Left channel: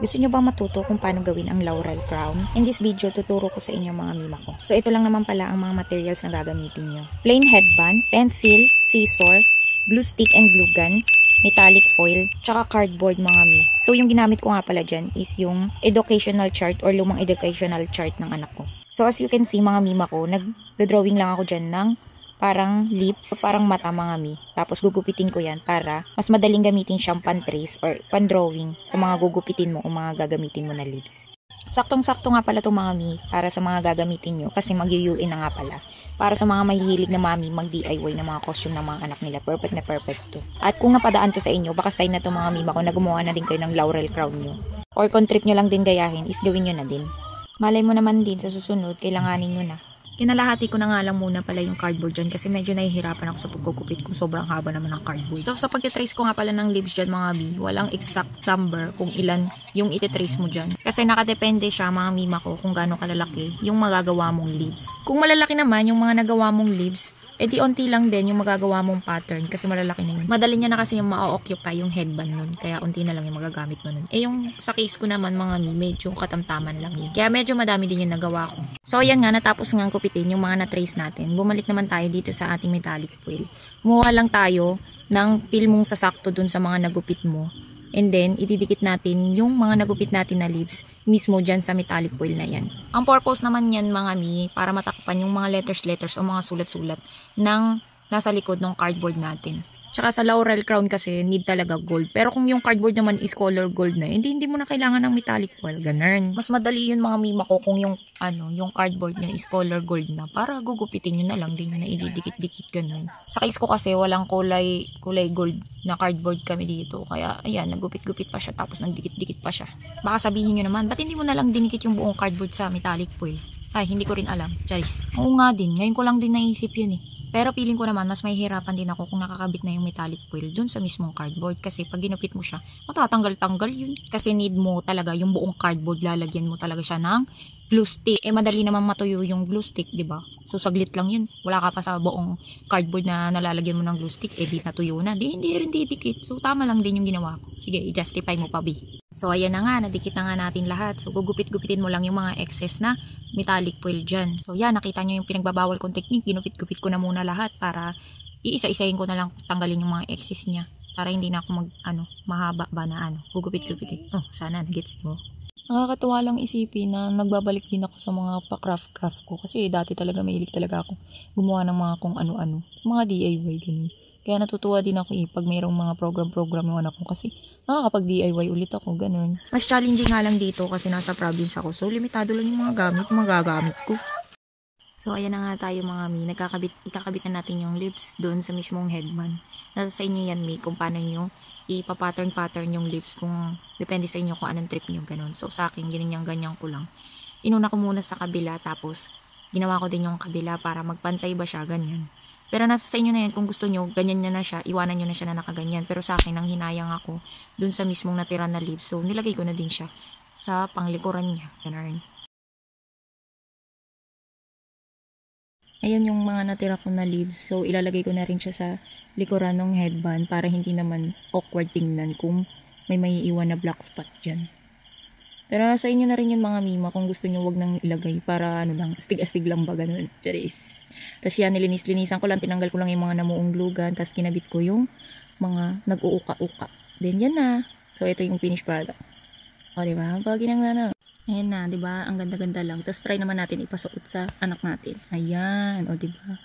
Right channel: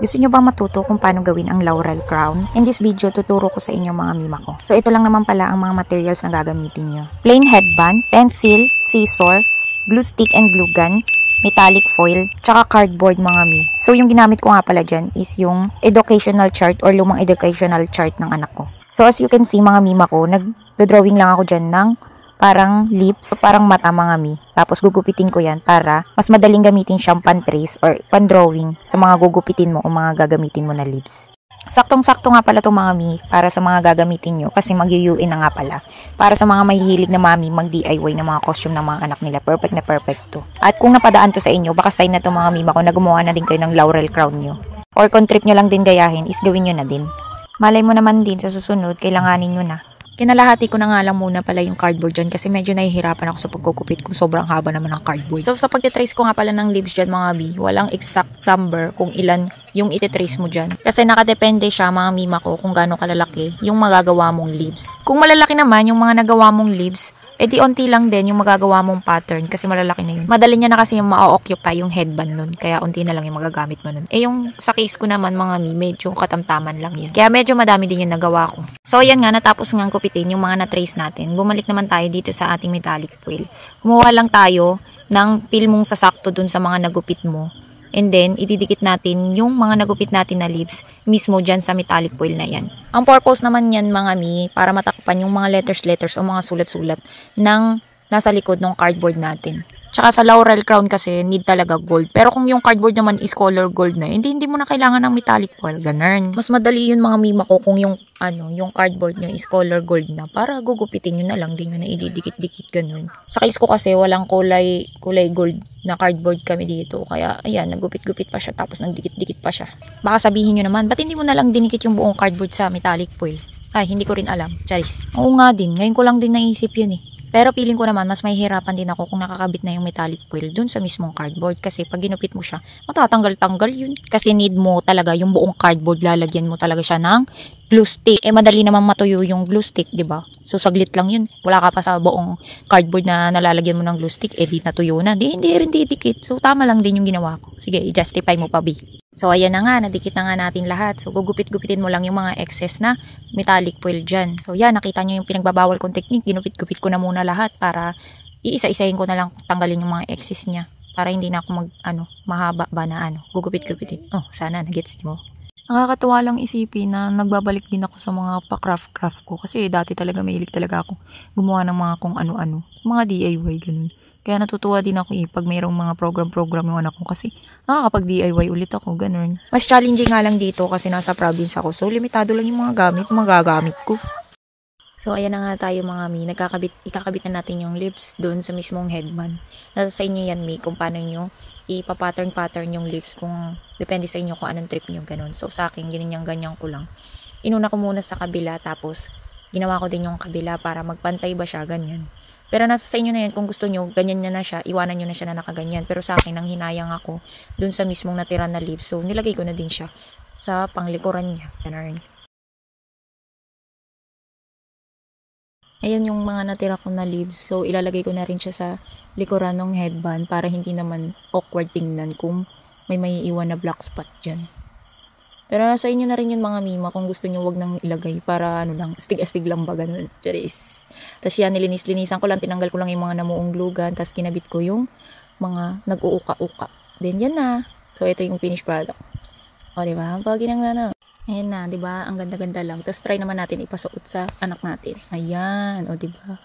Gusto nyo bang matuto kung paano gawin ang laurel crown? In this video, tuturo ko sa inyo mga mima ko. So ito lang naman pala ang mga materials na gagamitin nyo. Plain headband, pencil, scissor, glue stick and glue gun, metallic foil, tsaka cardboard mga mi. So yung ginamit ko nga pala dyan is yung educational chart or lumang educational chart ng anak ko. So as you can see mga mima ko, nag-drawing lang ako dyan ng parang lips, parang mata mga mi. Tapos gugupitin ko yan para mas madaling gamitin siyang pan-trace or pan-drawing sa mga gugupitin mo o mga gagamitin mo na lips. Saktong-sakto nga pala itong mga mi para sa mga gagamitin nyo kasi mag-UN na nga pala. Para sa mga mahihilig na mami mag-DIY ng mga costume ng mga anak nila, perfect na perfect to. At kung napadaan to sa inyo, baka sign na to mga mima ko na gumawa na din kayo ng laurel crown nyo. Or kung trip nyo lang din gayahin, is gawin nyo na din. Malay mo naman din sa susunod, kailanganin nyo na. Kinalahati ko na nga lang muna pala yung cardboard dyan kasi medyo nahihirapan ako sa pagkukupit kung sobrang haba naman ng cardboard. So sa pagtitrace ko nga pala ng leaves dyan mga bi, walang exact number kung ilan yung ititrace mo dyan. Kasi nakadepende siya mga mima ko kung gaano kalalaki yung magagawa mong leaves. Kung malalaki naman yung mga nagawa mong leaves, di onti lang din yung magagawa mong pattern kasi malalaki na yun. Madali niya na kasi yung ma-occupy yung headband nun. Kaya onti na lang yung magagamit mo nun. Yung sa case ko naman mga mi, medyo katamtaman lang yun. Kaya medyo madami din yung nagawa ko. So ayan nga, natapos nga kupitin yung mga na-trace natin. Bumalik naman tayo dito sa ating metallic foil. Kumuha lang tayo ng pilmong sasakto dun sa mga nagupit mo. And then, ididikit natin yung mga nagupit natin na leaves mismo dyan sa metallic foil na yan. Ang purpose naman yan mga mi, para matakpan yung mga letters o mga sulat-sulat ng nasa likod ng cardboard natin. Tsaka sa laurel crown kasi need talaga gold. Pero kung yung cardboard naman is color gold na, hindi mo na kailangan ng metallic foil. Ganun. Mas madali yun mga mima ko kung yung cardboard nyo is color gold na. Para gugupitin nyo na lang din yun na ididikit-dikit ganun. Sa case ko kasi walang kulay gold na cardboard kami dito. Kaya ayan, nagupit-gupit pa siya tapos nagdikit-dikit pa siya. Baka sabihin nyo naman, ba't hindi mo na lang dinikit yung buong cardboard sa metallic foil? Ay, hindi ko rin alam. Charis. Oo nga din. Ngayon ko lang din naisip yun eh. Pero feeling ko naman, mas mahihirapan din ako kung nakakabit na yung metallic foil dun sa mismong cardboard. Kasi pag ginupit mo siya, matatanggal-tanggal yun. Kasi need mo talaga yung buong cardboard, lalagyan mo talaga siya ng glue stick. Madali namang matuyo yung glue stick, diba? So, saglit lang yun. Wala ka pa sa buong cardboard na nalalagyan mo ng glue stick, di natuyo na. Hindi rin didikit. So, tama lang din yung ginawa ko. Sige, i-justify mo pa, B. So, ayan na nga, nadikit na nga natin lahat. So, gugupit-gupitin mo lang yung mga excess na metallic foil dyan. So, yan, nakita nyo yung pinagbabawal kong technique. Ginupit-gupit ko na muna lahat para iisa-isahin ko na lang tanggalin yung mga excess niya. Para hindi na ako mahaba ba na gugupit-gupitin. Oh, sana nagets mo. Nakakatuwa lang isipin na nagbabalik din ako sa mga pa-craft ko. Kasi dati talaga mahilig talaga ako gumawa ng mga kung ano-ano. Mga DIY, ganun. Kaya natutuwa din ako pag mayroong mga program yung anak ko kasi nakakapag-DIY ulit ako, ganun. Mas challenging nga lang dito kasi nasa province ako. So, limitado lang yung mga gagamit ko. So, ayan na nga tayo mga mi. Ikakabit na natin yung lips doon sa mismong headband. Nasa sa inyo yan mi kung paano nyo ipa-pattern yung lips kung depende sa inyo kung anong trip nyo, ganun. So, sa akin, ganyan ko lang. Inuna ko muna sa kabila tapos ginawa ko din yung kabila para magpantay ba siya, ganyan. Pero nasa sa inyo na yan, kung gusto nyo, ganyan nyo na siya, iwanan nyo na siya na nakaganyan. Pero sa akin, nang hinayang ako dun sa mismong natira na lips. So, nilagay ko na din siya sa panglikuran niya. Ganun. Ayan yung mga natira ko na leaves. So, ilalagay ko na rin siya sa likuran ng headband para hindi naman awkward tingnan kung may maiiwan na black spot dyan. Pero nasa inyo na rin yun mga mima kung gusto nyo wag nang ilagay para astig-astig lang ba ganun. Charis. Tapos yan, nilinis-linisan ko lang, tinanggal ko lang yung mga namuong glue gun, tapos kinabit ko yung mga nag-uuka-uka. Then yan na. So ito yung finished product. O diba? Ang pagi ng Ayan na, diba? Ang ganda-ganda lang. Tapos try naman natin ipasuot sa anak natin. Ayan, o diba?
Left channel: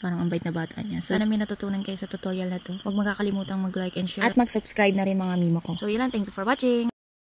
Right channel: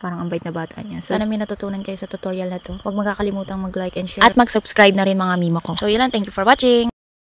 Parang ang bait na bata niya. So, sana may natutunan kayo sa tutorial na to. Huwag magkakalimutang mag-like and share. At mag-subscribe na rin mga mima ko. So, yun lang. Thank you for watching.